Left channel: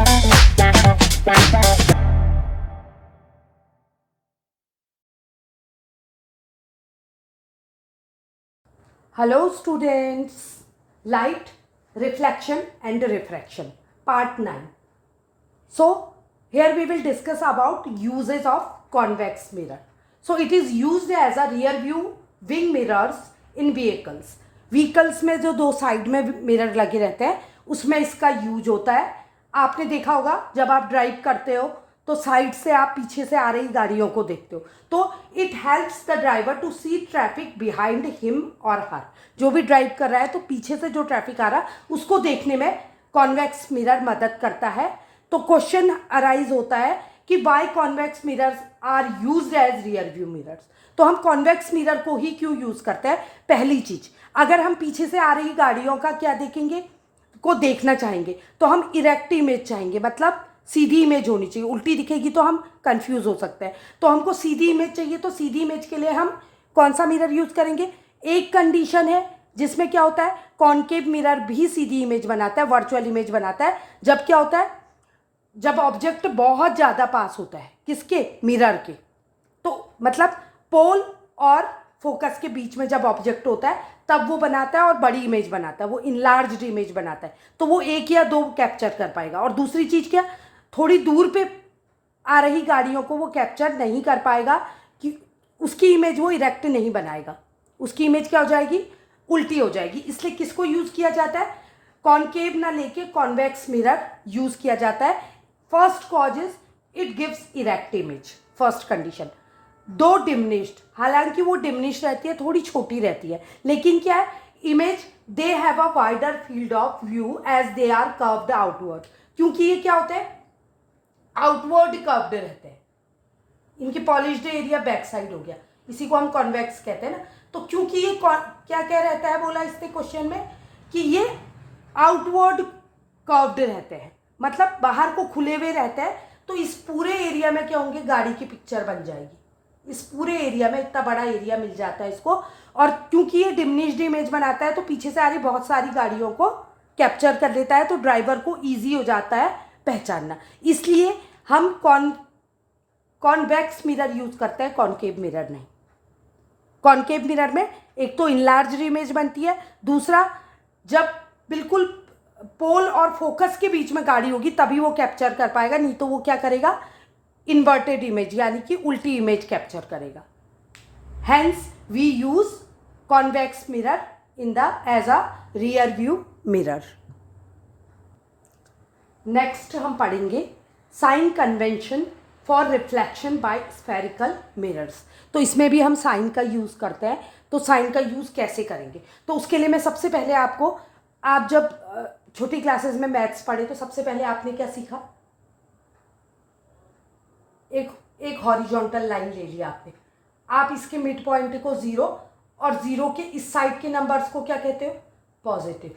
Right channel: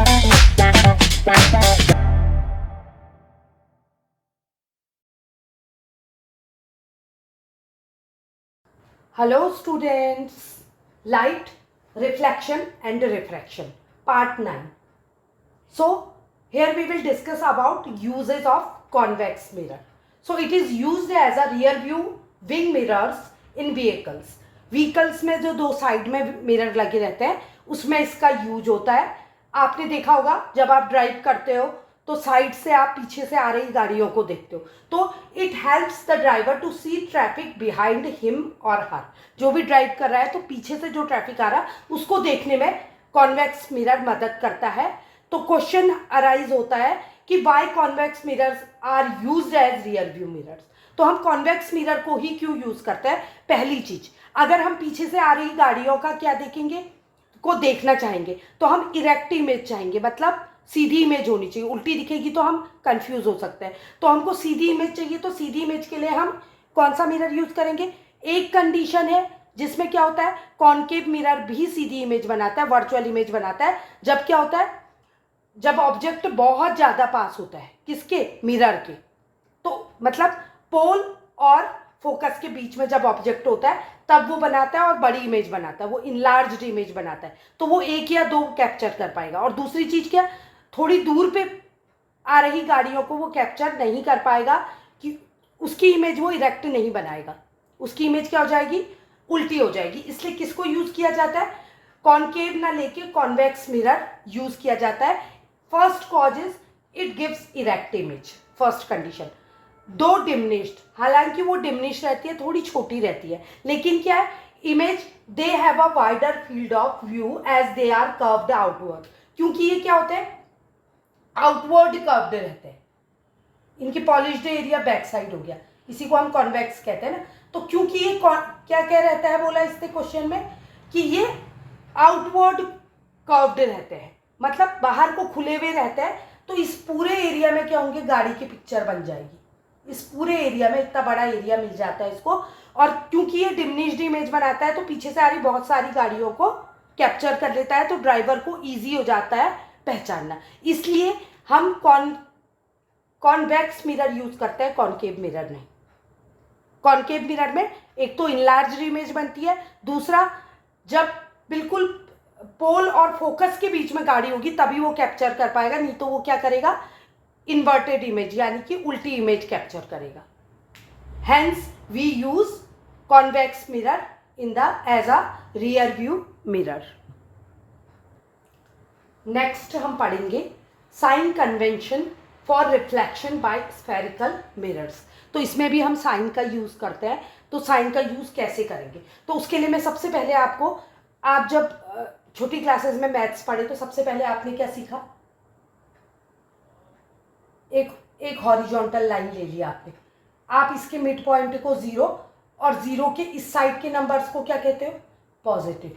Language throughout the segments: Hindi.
Hello students, light, reflection and refraction, part 9. So here we will discuss about uses of convex mirror. So it is used as a rear view wing mirrors in vehicles. Vehicles में जो दो साइड में मिरर लगे रहते हैं उसमें इसका यूज होता है. आपने देखा होगा जब आप ड्राइव करते हो तो साइड से आप पीछे से आ रही गाड़ियों को देखते हो, तो it helps the driver to see traffic behind him और हर. जो भी ड्राइव कर रहा है तो पीछे से जो ट्रैफिक आ रहा है उसको देखने में कॉन्वेक्स मिरर मदद करता है. तो क्वेश्चन अराइज होता है कि why convex mirrors are used as rear view mirrors. तो हम कॉन्वेक्स मिरर को ही क्यों यूज करते हैं? पहली चीज, अगर हम पीछे से आ रही गाड़ियों का क्या देखेंगे को देखना चाहेंगे तो हम इरेक्ट इमेज चाहेंगे, मतलब सीधी इमेज होनी चाहिए. उल्टी दिखेगी तो हम कंफ्यूज हो सकते हैं. तो हमको सीधी इमेज चाहिए, तो सीधी इमेज के लिए हम कौन सा मिरर यूज करेंगे? एक कंडीशन है जिसमें क्या होता है, कॉनकेव मिरर भी सीधी इमेज बनाता है, वर्चुअल इमेज बनाता है. जब क्या होता है, जब ऑब्जेक्ट बहुत ज़्यादा पास होता है किसके? मिरर के. तो मतलब पोल और फोकस के बीच में जब ऑब्जेक्ट होता है तब वो बनाता है और बड़ी इमेज बनाता है, वो इनलार्ज्ड इमेज बनाता है. तो वो एक या दो कैप्चर कर पाएगा. और दूसरी चीज़ क्या, थोड़ी दूर पे आ रही गाड़ियों को वो कैप्चर नहीं कर पाएगा कि उसकी इमेज वो इरेक्ट नहीं बनाएगा, उसकी इमेज क्या हो जाएगी? उल्टी हो जाएगी. इसलिए किसको यूज किया जाता है? कॉनकेव ना लेके कॉन्वेक्स मिरर यूज किया जाता है. First cause is it gives erect image, first condition. दो डिमिनिश्ड, हालांकि वो डिमिनिश्ड रहती है, थोड़ी छोटी रहती है, लेकिन क्या है, image they have a wider field of view as they are curved outward. क्योंकि ये क्या होते हैं? आउटवर्ड कर्व्ड रहते हैं. इनकी पॉलिश्ड एरिया बैक साइड हो गया, इसी को हम कॉन्वेक्स कहते हैं ना. तो क्योंकि ये क्या क्या रहता है, बोला इसने क्वेश्चन में कि ये आउटवर्ड कर्व्ड रहते हैं, मतलब बाहर को खुले हुए रहते हैं. तो इस पूरे एरिया में क्या होंगे? गाड़ी की पिक्चर बन जाएगी. इस पूरे एरिया में इतना बड़ा एरिया मिल जाता है इसको. और क्योंकि ये डिमिनिश्ड इमेज बनाता है तो पीछे से आ रही बहुत सारी गाड़ियों को कैप्चर कर लेता है, तो ड्राइवर को ईजी हो जाता है पहचानना. इसलिए हम कॉन्वेक्स मिरर यूज करते हैं, कॉनकेव मिरर नहीं. कॉनकेव मिरर में एक तो इनलार्ज इमेज बनती है, दूसरा जब बिल्कुल पोल और फोकस के बीच में गाड़ी होगी तभी वो कैप्चर कर पाएगा, नहीं तो वो क्या करेगा? इन्वर्टेड इमेज यानी कि उल्टी इमेज कैप्चर करेगा. Hence we use convex mirror in the as a rear view mirror. Next हम पढ़ेंगे sign convention for reflection by spherical mirrors. तो इसमें भी हम साइन का यूज करते हैं. तो साइन का यूज कैसे करेंगे? तो उसके लिए मैं सबसे पहले आपको, आप जब छोटी क्लासेस में मैथ्स पढ़े तो सबसे पहले आपने क्या सीखा? एक हॉरिजॉन्टल लाइन ले लिया आपने, आप इसके मिड पॉइंट को 0 और 0 के इस साइड के नंबर्स को क्या कहते हो? पॉजिटिव,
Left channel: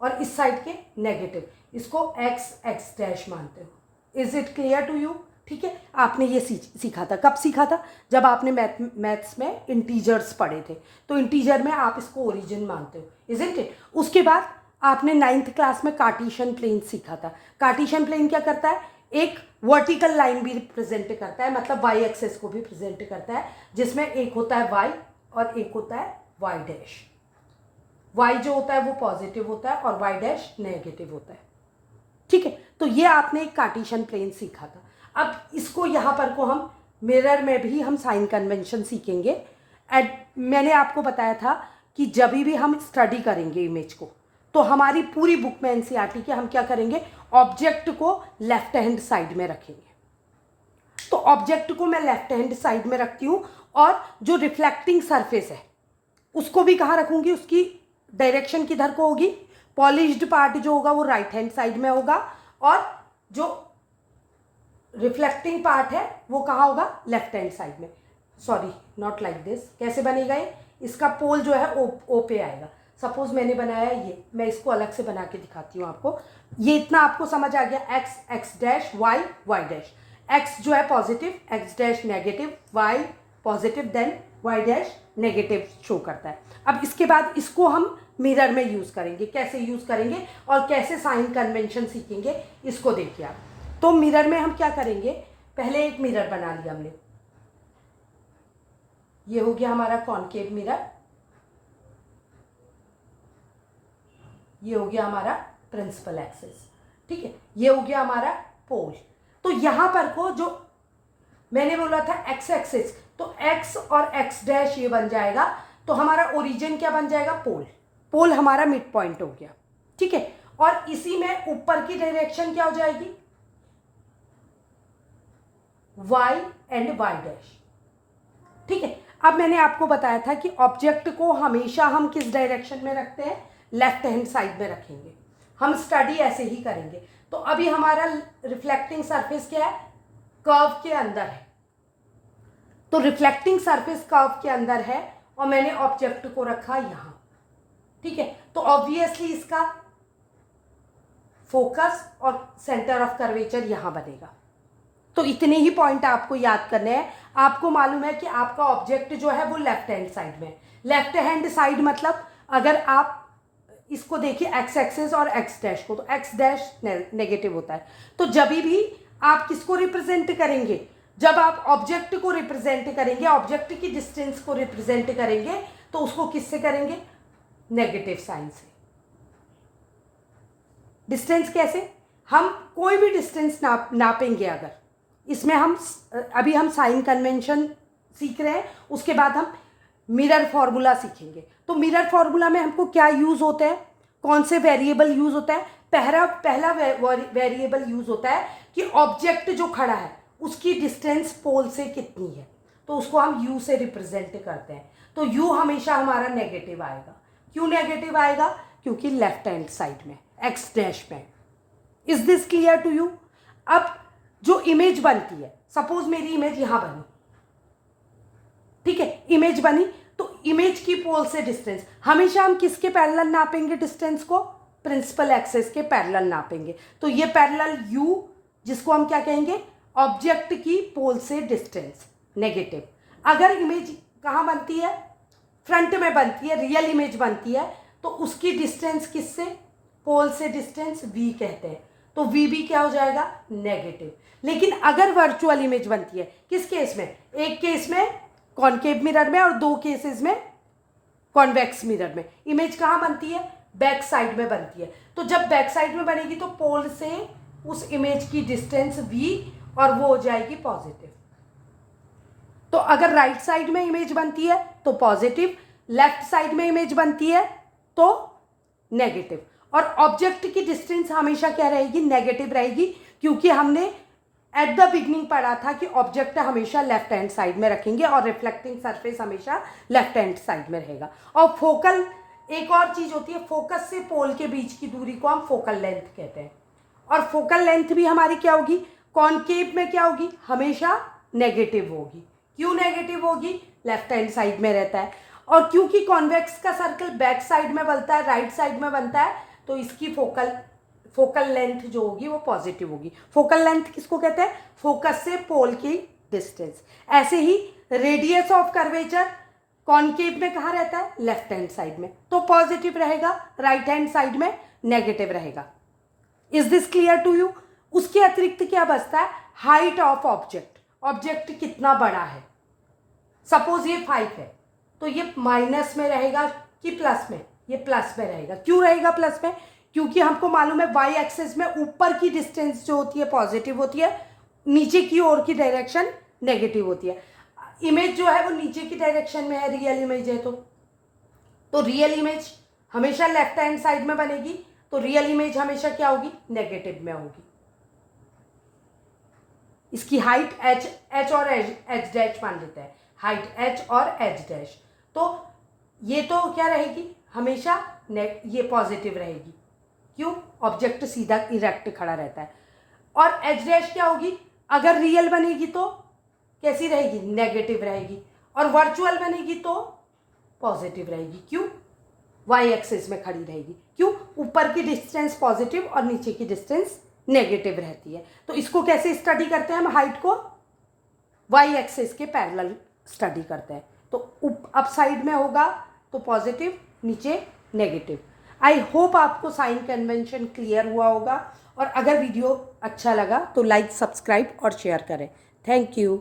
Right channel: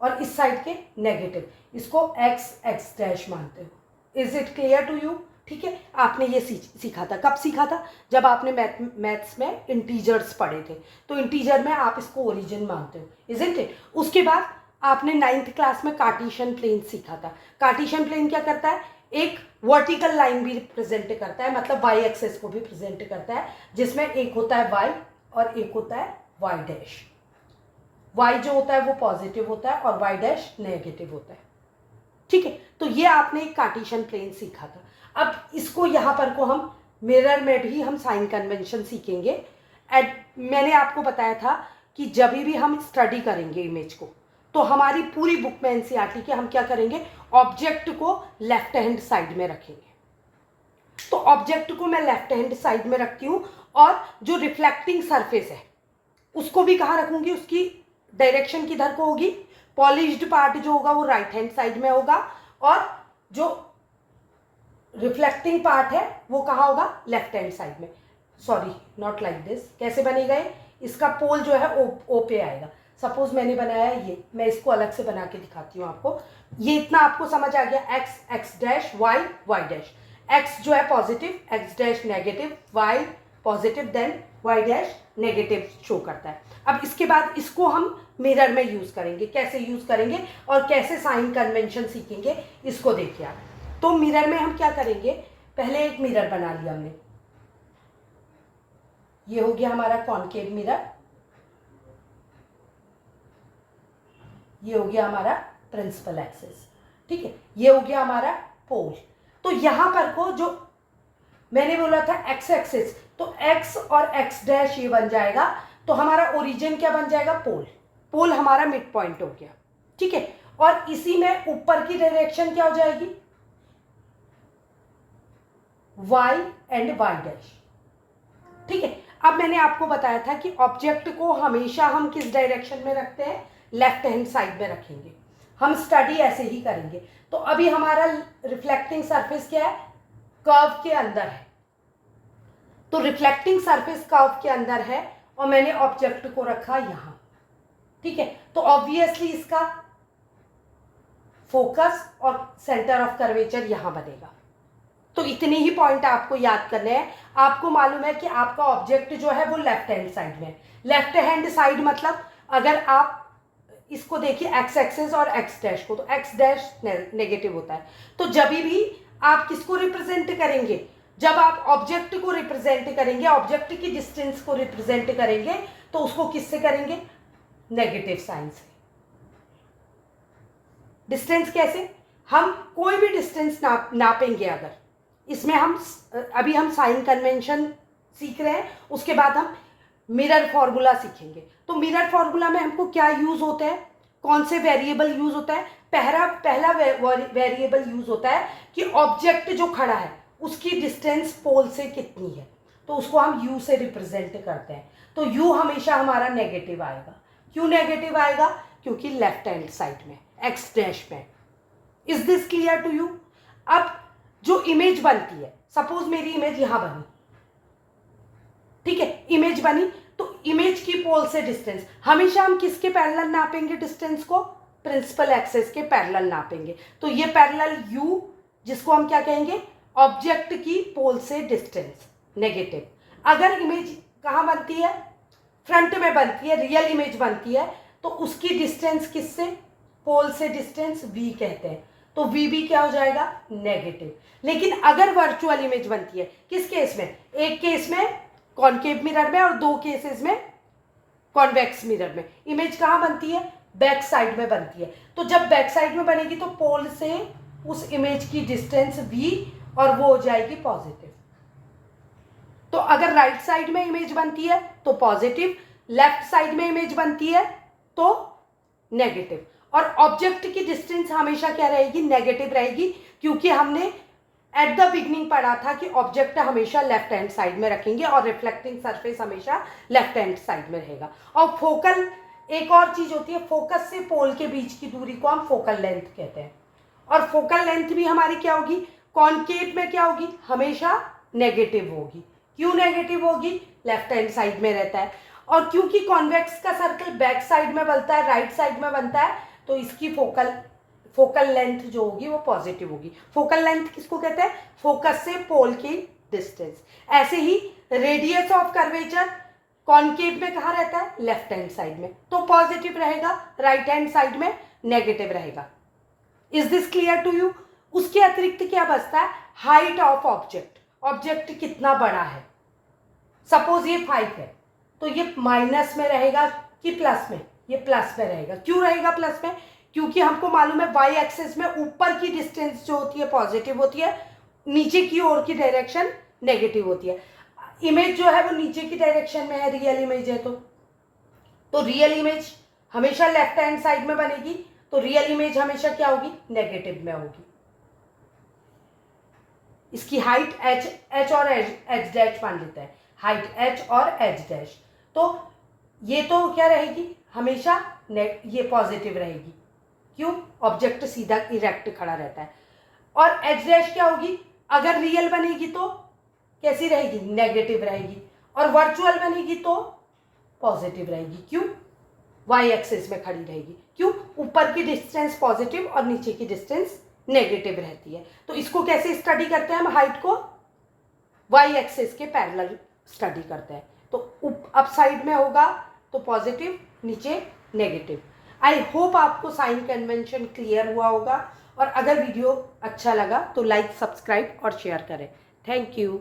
और इस साइड के नेगेटिव, इसको x डैश मानते हो. Is it clear to you? ठीक है, आपने ये सीखा था. कब सीखा था? जब आपने मैथ्स में इंटीजर्स पढ़े थे. तो इंटीजर में आप इसको ओरिजिन मानते हो, इज इट? उसके बाद आपने 9th क्लास में कार्टेशियन प्लेन सीखा था. कार्टेशियन प्लेन क्या करता है? एक वर्टिकल लाइन भी रिप्रेजेंट करता है, मतलब वाई एक्सेस को भी प्रेजेंट करता है, जिसमें एक होता है वाई और एक होता है वाई डैश. वाई जो होता है वो पॉजिटिव होता है और वाई डैश नेगेटिव होता है. ठीक है, तो ये आपने एक कार्टेशियन प्लेन सीखा था. अब इसको यहाँ पर को हम मिरर में भी हम साइन कन्वेंशन सीखेंगे. मैंने आपको बताया था कि जब भी हम स्टडी करेंगे इमेज को तो हमारी पूरी बुक में एनसीईआरटी के हम क्या करेंगे? ऑब्जेक्ट को लेफ्ट हैंड साइड में रखेंगे. तो ऑब्जेक्ट को मैं लेफ्ट हैंड साइड में रखती हूँ और जो रिफ्लेक्टिंग सरफेस है उसको भी कहाँ रखूंगी? उसकी डायरेक्शन किधर को होगी? पॉलिश्ड पार्ट जो होगा वो राइट हैंड साइड में होगा और जो रिफ्लेक्टिंग पार्ट है वो कहाँ होगा? लेफ्ट हैंड साइड में. Sorry, not like this. कैसे बनेगा ये? इसका पोल जो है ओ पे आएगा. सपोज मैंने बनाया ये, मैं इसको अलग से बना के दिखाती हूँ आपको. ये इतना आपको समझ आ गया? X dash y dash. X जो है positive, x dash negative, y positive, then y dash negative show करता है. अब इसके बाद इसको हम मिरर में यूज करेंगे, कैसे यूज करेंगे और कैसे साइन कन्वेंशन सीखेंगे इसको देखिए आप। तो मिरर में हम क्या करेंगे, पहले एक मिरर बना लिया हमने, ये हो गया हमारा कॉनकेव मिरर, ये हो गया हमारा प्रिंसिपल एक्सिस, ठीक है, ये हो गया हमारा पोल। तो यहां पर को जो मैंने बोला था एक्स एक्सिस, तो एक्स और एक्स डैश ये बन जाएगा, तो हमारा ओरिजिन क्या बन जाएगा, पोल। पोल हमारा मिड पॉइंट हो गया, ठीक है। और इसी में ऊपर की डायरेक्शन क्या हो जाएगी, वाई एंड वाई डैश, ठीक है। अब मैंने आपको बताया था कि ऑब्जेक्ट को हमेशा हम किस डायरेक्शन में रखते हैं, लेफ्ट हैंड साइड में रखेंगे। हम स्टडी ऐसे ही करेंगे। तो अभी हमारा रिफ्लेक्टिंग सरफेस क्या है, कर्व के अंदर है, तो रिफ्लेक्टिंग सरफेस कर्व के अंदर है और मैंने ऑब्जेक्ट को रखा यहां, ठीक है। तो ऑब्वियसली इसका फोकस और सेंटर ऑफ कर्वेचर यहां बनेगा। तो इतने ही पॉइंट आपको याद करने हैं। आपको मालूम है कि आपका ऑब्जेक्ट जो है वो लेफ्ट हैंड साइड में है। लेफ्ट हैंड साइड मतलब अगर आप इसको देखिए एक्स एक्सिस और एक्स डैश को, तो एक्स डैश नेगेटिव होता है। तो जब भी आप किसको रिप्रेजेंट करेंगे, जब आप ऑब्जेक्ट को रिप्रेजेंट करेंगे, ऑब्जेक्ट की डिस्टेंस को रिप्रेजेंट करेंगे, तो उसको किससे करेंगे, नेगेटिव साइन से। डिस्टेंस कैसे, हम कोई भी डिस्टेंस नापेंगे, अगर इसमें अभी हम साइन कन्वेंशन सीख रहे हैं, उसके बाद हम मिरर फॉर्मूला सीखेंगे। तो मिरर फॉर्मूला में हमको क्या यूज होता है, कौन से वेरिएबल यूज होता है, पहला वेरिएबल यूज होता है कि ऑब्जेक्ट जो खड़ा है उसकी डिस्टेंस पोल से कितनी है, तो उसको हम यू से रिप्रेजेंट करते हैं। तो यू हमेशा हमारा नेगेटिव आएगा। क्यों नेगेटिव आएगा, क्योंकि लेफ्ट हैंड साइड में एक्स डैश में। Is this clear to you. अब जो इमेज बनती है, सपोज मेरी इमेज यहां बनी, ठीक है, इमेज बनी, तो इमेज की पोल से डिस्टेंस हमेशा हम किसके पैरेलल नापेंगे, डिस्टेंस को प्रिंसिपल एक्सिस के पैरेलल नापेंगे। तो ये पैरेलल यू, जिसको हम क्या कहेंगे, ऑब्जेक्ट की पोल से डिस्टेंस नेगेटिव। अगर इमेज कहां बनती है, फ्रंट में बनती है, रियल इमेज बनती है, तो उसकी डिस्टेंस किससे, पोल से डिस्टेंस v कहते हैं, तो v भी क्या हो जाएगा, नेगेटिव। लेकिन अगर वर्चुअल इमेज बनती है, किस केस में, एक केस में कॉनकेव मिरर में और दो केसेस में कॉन्वेक्स मिरर में, इमेज कहां बनती है, बैक साइड में बनती है। तो जब बैक साइड में बनेगी तो पोल से उस इमेज की डिस्टेंस v और वो हो जाएगी पॉजिटिव। तो अगर राइट साइड में इमेज बनती है तो पॉजिटिव, लेफ्ट साइड में इमेज बनती है तो नेगेटिव। और ऑब्जेक्ट की डिस्टेंस हमेशा क्या रहेगी, नेगेटिव रहेगी, क्योंकि हमने एट द बिगनिंग पढ़ा था कि ऑब्जेक्ट हमेशा लेफ्ट हैंड साइड में रखेंगे और रिफ्लेक्टिंग सरफेस हमेशा लेफ्ट हैंड साइड में रहेगा। और फोकल, एक और चीज होती है, फोकस से पोल के बीच की दूरी को हम फोकल लेंथ कहते हैं। और फोकल लेंथ भी हमारी क्या होगी, कॉनकेव में क्या होगी, हमेशा नेगेटिव होगी। क्यों नेगेटिव होगी, लेफ्ट हैंड साइड में रहता है। और क्योंकि कॉन्वेक्स का सर्कल बैक साइड में बनता है, राइट साइड में बनता है, तो इसकी फोकल लेंथ जो होगी वो पॉजिटिव होगी। फोकल लेंथ किसको कहते हैं, फोकस से पोल की डिस्टेंस। ऐसे ही रेडियस ऑफ कर्वेचर कॉनकेव में कहाँ रहता है, लेफ्ट हैंड साइड में, तो पॉजिटिव रहेगा, राइट हैंड साइड में नेगेटिव रहेगा। Is this clear to you. उसके अतिरिक्त क्या बचता है, हाइट ऑफ ऑब्जेक्ट, ऑब्जेक्ट कितना बड़ा है। सपोज ये 5 है, तो ये माइनस में रहेगा कि प्लस में, ये प्लस में रहेगा। क्यों रहेगा प्लस में, क्योंकि हमको मालूम है वाई एक्सिस में ऊपर की डिस्टेंस जो होती है पॉजिटिव होती है, नीचे की ओर की डायरेक्शन नेगेटिव होती है। इमेज जो है वो नीचे की डायरेक्शन में है, रियल इमेज है, तो रियल इमेज हमेशा लेफ्ट हैंड साइड में बनेगी, तो रियल इमेज हमेशा क्या होगी, नेगेटिव में होगी। इसकी हाइट h और h डैश मान लेते हैं, हाइट h और h डैश, तो ये तो क्या रहेगी, हमेशा ये पॉजिटिव रहेगी। क्यों, ऑब्जेक्ट सीधा इरेक्ट खड़ा रहता है। और h डैश क्या होगी, अगर रियल बनेगी तो कैसी रहेगी, नेगेटिव रहेगी, और वर्चुअल बनेगी तो पॉजिटिव रहेगी। क्यों, वाई एक्सिस में खड़ी रहेगी। क्यों, ऊपर की डिस्टेंस पॉजिटिव और नीचे की डिस्टेंस नेगेटिव रहती है। तो इसको कैसे स्टडी करते हैं हम, हाइट को वाई एक्सिस के पैरेलल स्टडी करते हैं। तो अप साइड में होगा तो पॉजिटिव, नीचे नेगेटिव। आई होप आपको साइन कन्वेंशन क्लियर हुआ होगा, और अगर वीडियो अच्छा लगा तो लाइक, सब्सक्राइब और शेयर करें। Thank you.